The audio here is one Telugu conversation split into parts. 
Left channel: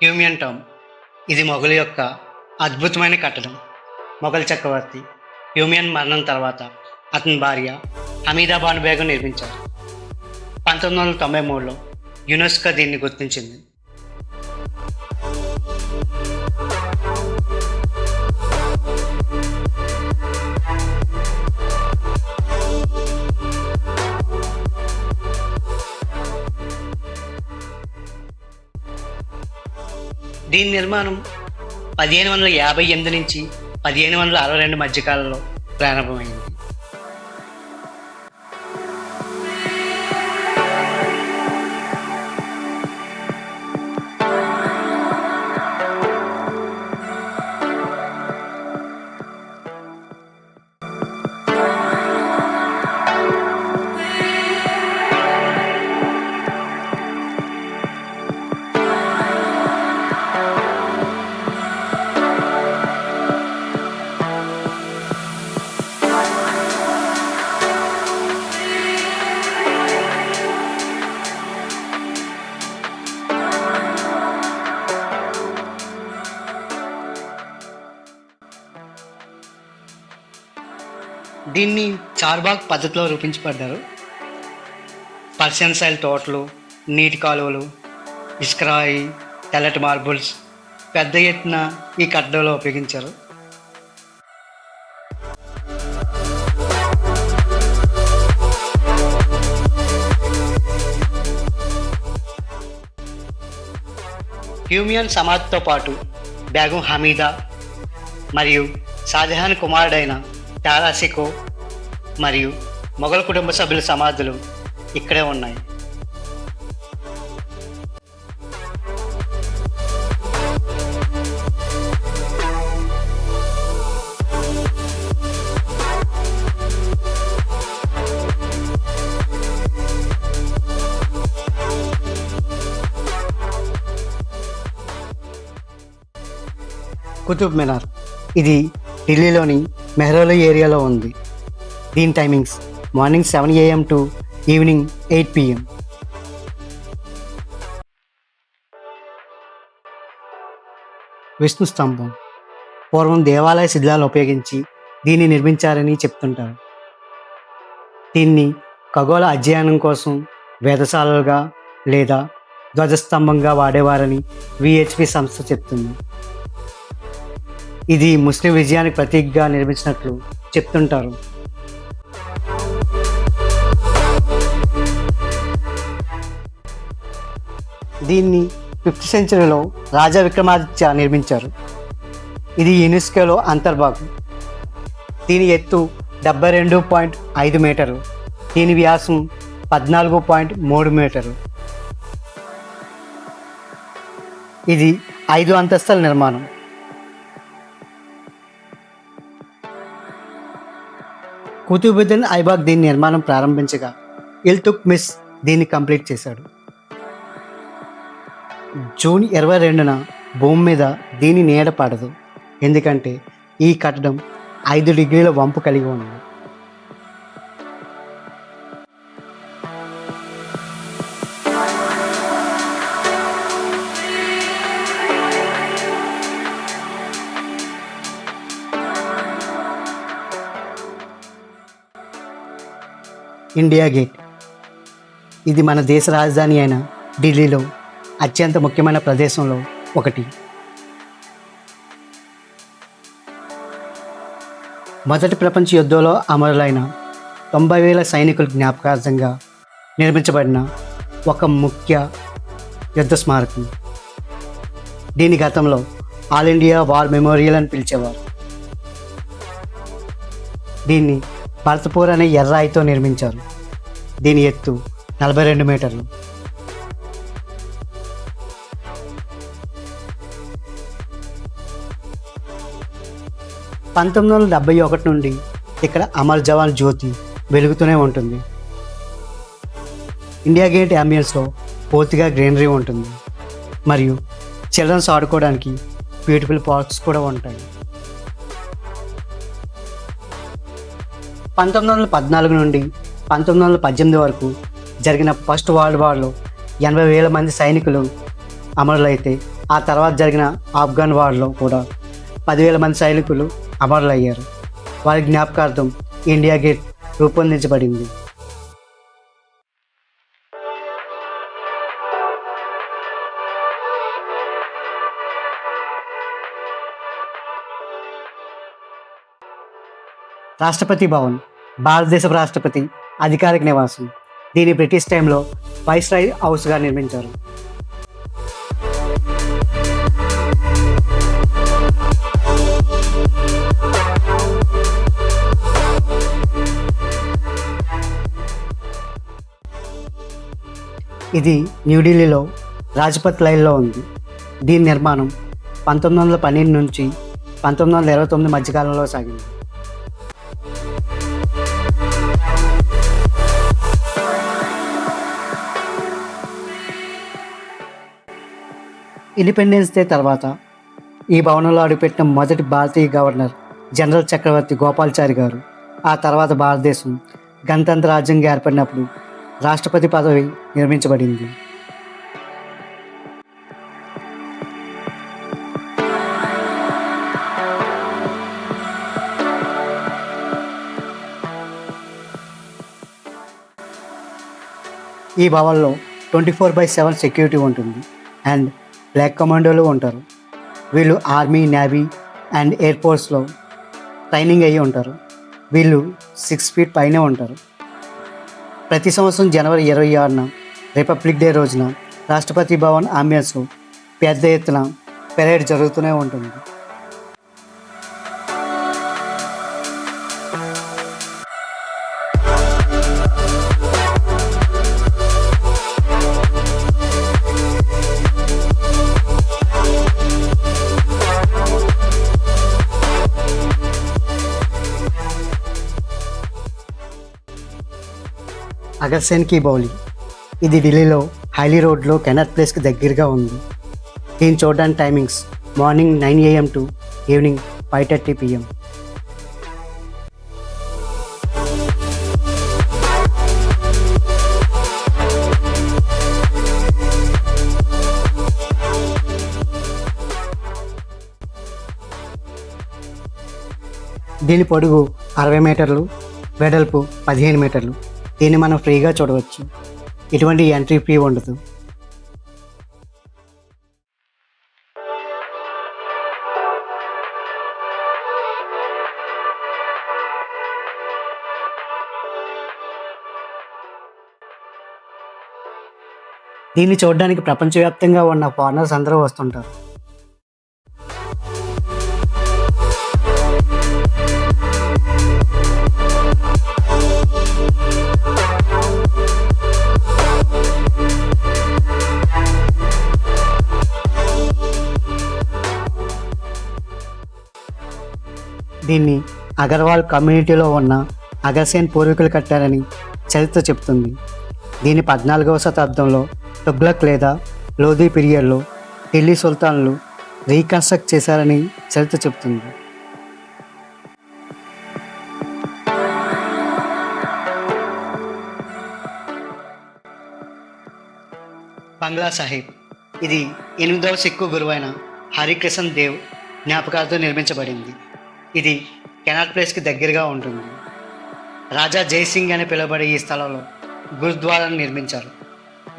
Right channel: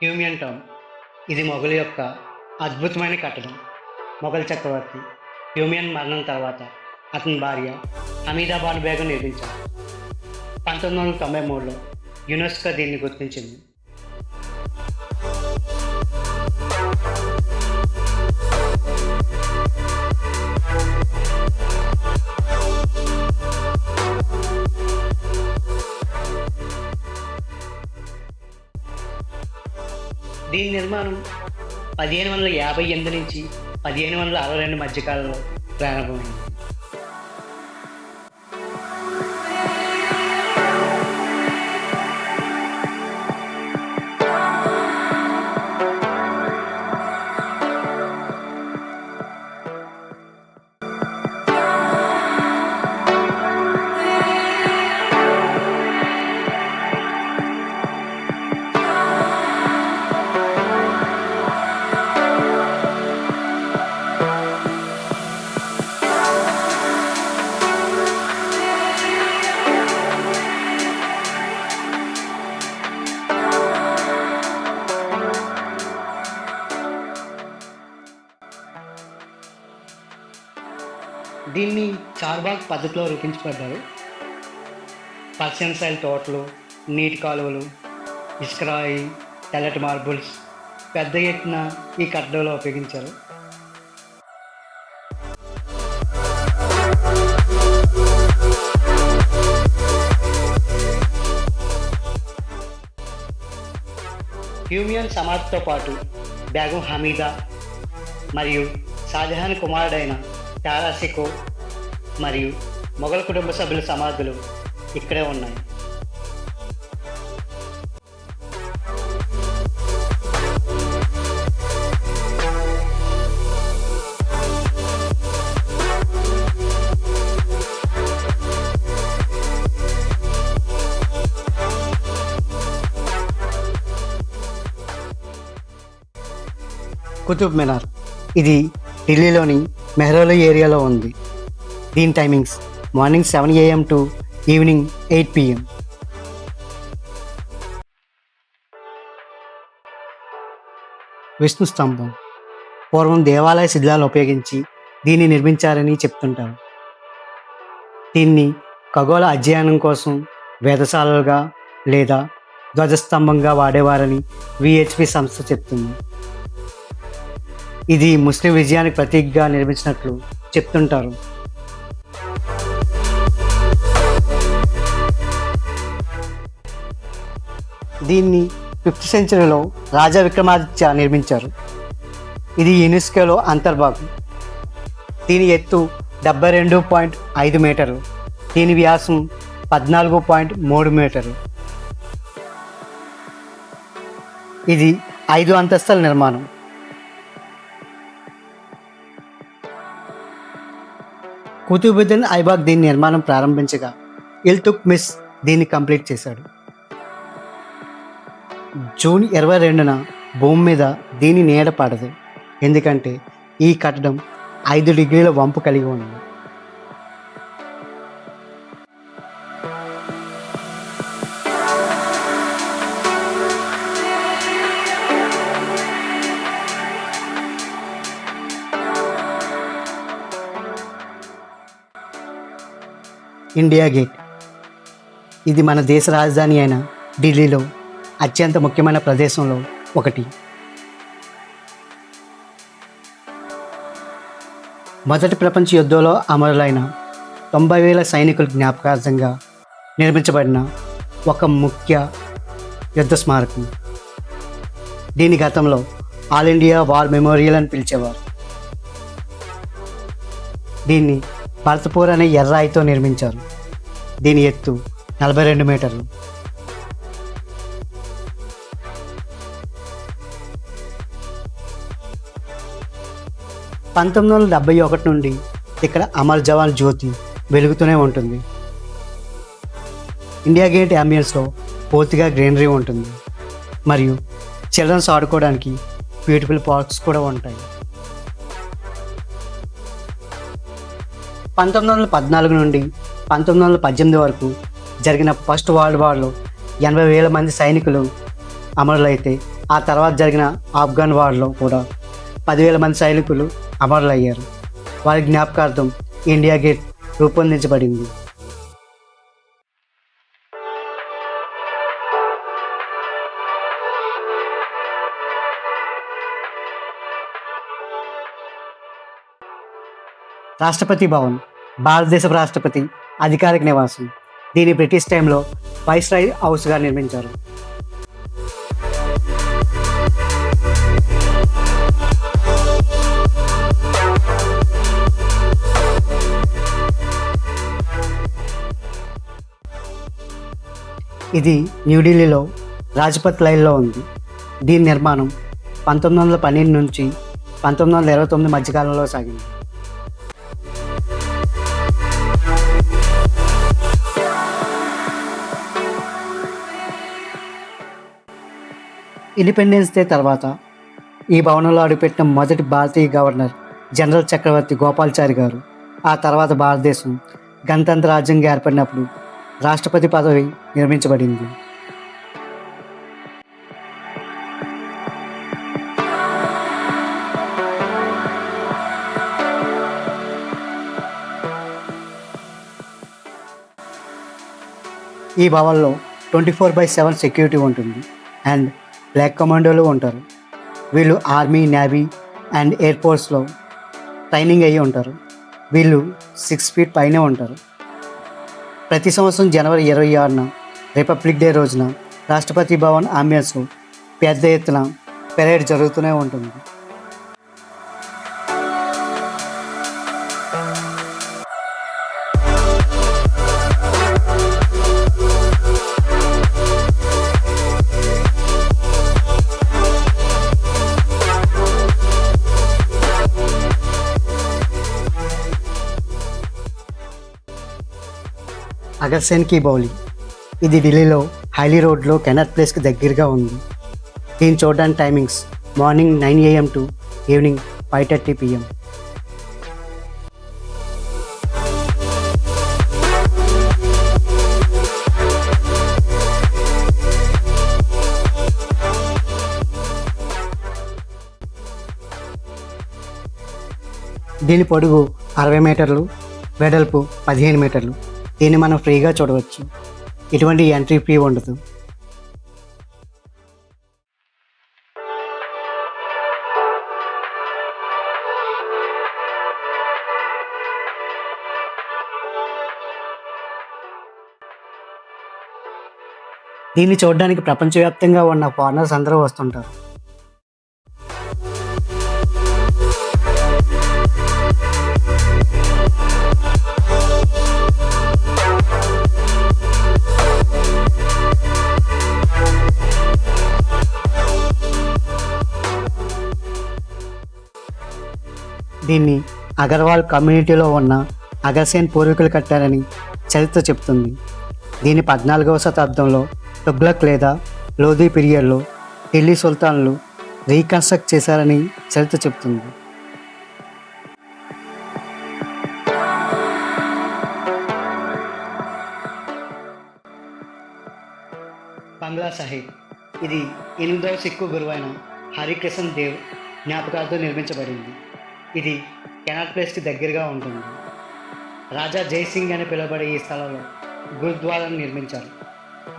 హ్యూమియన్ టౌన్ ఇది మొఘలు యొక్క అద్భుతమైన కట్టడం. మొఘల్ చక్రవర్తి హ్యూమియన్ మరణం తర్వాత అతని భార్య హమీదా బాను బేగం నిర్మించారు. 1993లో యునెస్కో దీన్ని గుర్తించింది. దీని నిర్మాణం 1558 నుంచి 1562 మధ్యకాలంలో ప్రారంభమైంది. దీన్ని చార్బాగ్ పద్ధతిలో రూపించబడ్డారు. పర్షియన్ స్టైల్ తోటలు, నీటి కాలువలు, ఇసుకరాయి, తెల్లటి మార్బుల్స్ పెద్ద ఎత్తున ఈ కట్టడంలో ఉపయోగించారు. హ్యూమియన్ సమాధితో పాటు బేగం హమీదా మరియు షాజహాన్ కుమారుడైన తారాషికో మరియు మొఘల్ కుటుంబ సభ్యుల సమాధులు ఇక్కడే ఉన్నాయి. కుతుబ్ మినార్ ఇది ఢిల్లీలోని మెహ్రౌలి ఏరియాలో ఉంది. దీని timings morning 7 AM to evening 8 PM. Vishnu స్తంభం పూర్వం దేవాలయ శిథిలాలు ఉపయోగించి దీన్ని నిర్మించారని చెప్తుంటారు. దీన్ని ఖగోళ అధ్యయనం కోసం వేధశాలలుగా లేదా ధ్వజస్తంభంగా వాడేవారని VHP సంస్థ చెప్తుంది. ఇది ముస్లిం విజయానికి ప్రతీకగా నిర్మించినట్లు చెప్తుంటారు. దీన్ని 5th సెంచరీలో రాజా విక్రమాదిత్య నిర్మించారు. ఇది యునెస్కోలో అంతర్భాగం. దీని ఎత్తు 72.5 మీటర్లు. దీని వ్యాసం 14.3 మీటర్లు. ఇది 5 అంతస్తుల నిర్మాణం. కుతుబుద్దీన్ ఐబాక్ దీని నిర్మాణం ప్రారంభించగా ఇల్తుత్మిష్ దీన్ని కంప్లీట్ చేశాడు. జూన్ 22న భూమి మీద దీని నీడ పడదు, ఎందుకంటే ఈ కట్టడం 5 డిగ్రీల వంపు కలిగి ఉంది. ఇండియా గేట్ ఇది మన దేశ రాజధాని అయిన ఢిల్లీలో అత్యంత ముఖ్యమైన ప్రదేశంలో ఒకటి. మొదటి ప్రపంచ యుద్ధంలో అమరులైన 90,000 సైనికుల జ్ఞాపకార్థంగా నిర్మించబడిన ఒక ముఖ్య యుద్ధ స్మారకం. దీని గతంలో ఆల్ ఇండియా వార్ మెమోరియల్ అని పిలిచేవారు. దీన్ని భరత్పూర్ అనే ఎర్రాయితో నిర్మించారు. దీని ఎత్తు 42 మీటర్లు. (1971) నుండి ఇక్కడ అమర్ జవాన్ జ్యోతి వెలుగుతూనే ఉంటుంది. ఇండియా గేట్ అంబియన్స్లో పూర్తిగా గ్రీనరీ ఉంటుంది మరియు చిల్డ్రన్స్ ఆడుకోవడానికి బ్యూటిఫుల్ పార్క్స్ కూడా ఉంటాయి. 1914 నుండి 1918 వరకు జరిగిన ఫస్ట్ వరల్డ్ వార్లో 80,000 మంది సైనికులు అమరులైతే ఆ తర్వాత జరిగిన ఆఫ్ఘన్ వార్లో కూడా 10,000 మంది సైనికులు అమరులయ్యారు. వారి జ్ఞాపకార్థం ఇండియా గేట్ రూపొందించబడింది. రాష్ట్రపతి భవన్ భారతదేశ రాష్ట్రపతి అధికారిక నివాసం. దీన్ని బ్రిటిష్ టైంలో వైస్రాయ్ హౌస్గా నిర్మించారు. ఇది న్యూఢిల్లీలో రాజ్పథ్ లైన్లో ఉంది. దీని నిర్మాణం 1912 నుంచి 1929 మధ్యకాలంలో సాగింది. ఇండిపెండెన్స్ డే తర్వాత ఈ భవనంలో అడుగుపెట్టిన మొదటి భారతీయ గవర్నర్ జనరల్ చక్రవర్తి గోపాల్చారి గారు. ఆ తర్వాత భారతదేశం గణతంత్ర రాజ్యంగా ఏర్పడినప్పుడు రాష్ట్రపతి పదవి నిర్మించబడింది. ఈ భవన్లో 24/7 సెక్యూరిటీ ఉంటుంది అండ్ బ్లాక్ కమాండోలు ఉంటారు. వీళ్ళు ఆర్మీ, నేవీ అండ్ ఎయిర్ ఫోర్స్లో ట్రైనింగ్ అయ్యి ఉంటారు. వీళ్ళు 6 feet పైనే ఉంటారు. ప్రతి సంవత్సరం జనవరి 26న రిపబ్లిక్ డే రోజున రాష్ట్రపతి భవన్ అంబియన్స్లో పెద్ద ఎత్తున పెరేడ్ జరుగుతూనే ఉంటుంది. అగర్సేన్ కి బౌలి ఇది ఢిల్లీలో హైలీ రోడ్లో కెనట్ ప్లేస్కి దగ్గరగా ఉంది. దీన్ని చూడడానికి timings morning 9 AM to evening 5:30 PM. దీని పొడుగు 60 మీటర్లు, వెడల్పు 15 మీటర్లు. దీన్ని మనం ఫ్రీగా చూడవచ్చు. ఎటువంటి ఎంట్రీ ఫీ ఉండదు. దీన్ని చూడడానికి ప్రపంచవ్యాప్తంగా ఉన్న ఫారినర్స్ అందరూ వస్తుంటారు. దీన్ని అగర్వాల్ కమ్యూనిటీలో ఉన్న అగర్సేన్ పూర్వీకులు కట్టారని చరిత్ర చెబుతుంది. దీన్ని 14వ శతాబ్దంలో తుగ్లక్ లేదా లోధీ పీరియడ్లో ఢిల్లీ సుల్తాన్లు రీకన్స్ట్రక్ట్ చేశారని చరిత్ర చెబుతుంది. బంగ్లా సాహిబ్ ఇది 8వ సిక్కు గురువైన హరికృష్ణ దేవ్ జ్ఞాపకాలతో నిర్మించబడింది. ఇది కెనాట్ ప్లేస్కి దగ్గరగా ఉంటుంది. రాజా జైసింగ్ అని పిలువబడే ఈ స్థలంలో గురుద్వారాను నిర్మించారు.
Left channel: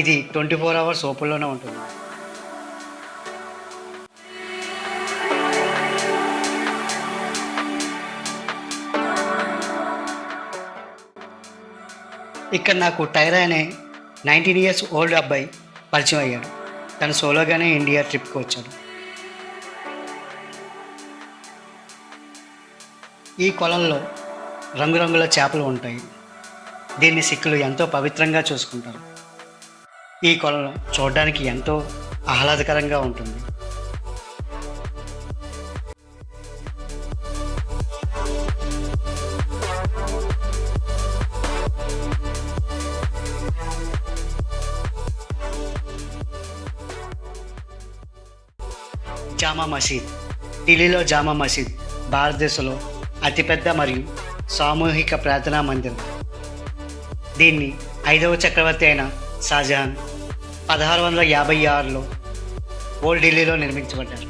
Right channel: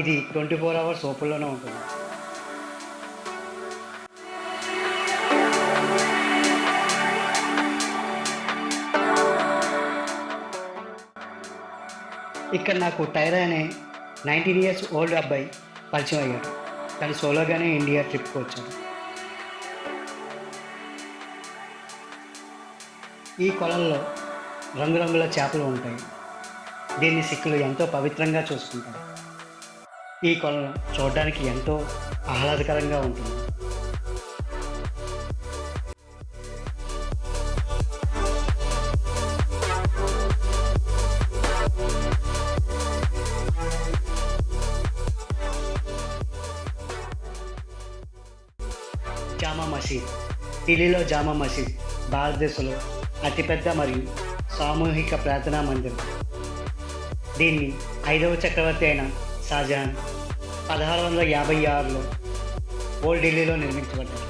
ఇది 24 hours ఓపెన్లోనే ఉంటుంది. ఇక్కడ నాకు టైరా అనే 19 years ఓల్డ్ అబ్బాయి పరిచయం అయ్యాడు. తను సోలోగానే ఇండియా ట్రిప్కి వచ్చాడు. ఈ కొలంలో రంగురంగుల చేపలు ఉంటాయి. దీన్ని సిక్కులు ఎంతో పవిత్రంగా చూసుకుంటారు. ఈ కొలం చూడడానికి ఎంతో ఆహ్లాదకరంగా ఉంటుంది. జామా మసీద్ ఢిల్లీలో జామా మసీద్ భారతదేశంలో అతిపెద్ద మరియు సామూహిక ప్రార్థనా మందిరం. దీన్ని 5వ చక్రవర్తి అయిన షాజహాన్ 1656లో ఓల్డ్ ఢిల్లీలో నిర్మించబడ్డారు.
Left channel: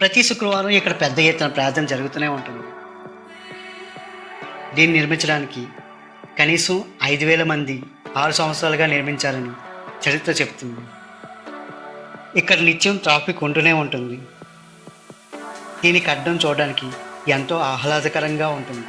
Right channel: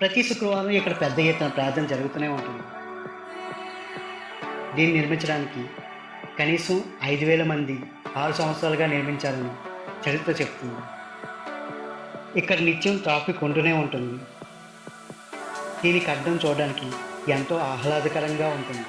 ప్రతి శుక్రవారం ఇక్కడ పెద్ద ఎత్తున ప్రార్థన జరుగుతూనే ఉంటుంది. దీన్ని నిర్మించడానికి కనీసం 5,000 మంది 6 సంవత్సరాలుగా నిర్మించారని చరిత్ర చెప్తుంది. ఇక్కడ నిత్యం ట్రాఫిక్ ఉంటూనే ఉంటుంది. దీనికి అడ్డం చూడడానికి ఎంతో ఆహ్లాదకరంగా ఉంటుంది.